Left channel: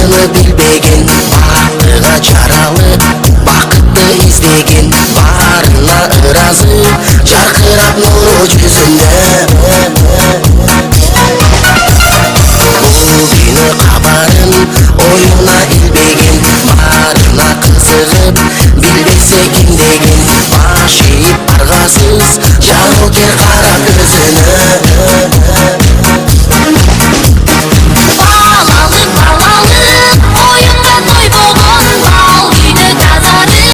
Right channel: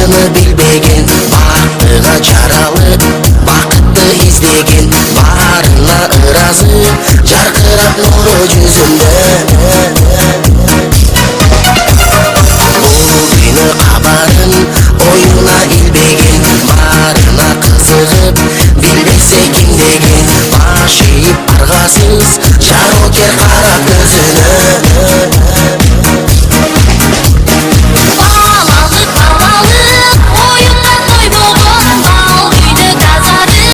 ойыны билбеген, бактыга жаралып бакытты издеген, барына ыразы жаркырап нуру жүзүндө. Бул күнү кабарын оюна илбеген, барына кызыгып билбесе ким деген, баш ийип аргасыз жарокер кара көзүнө.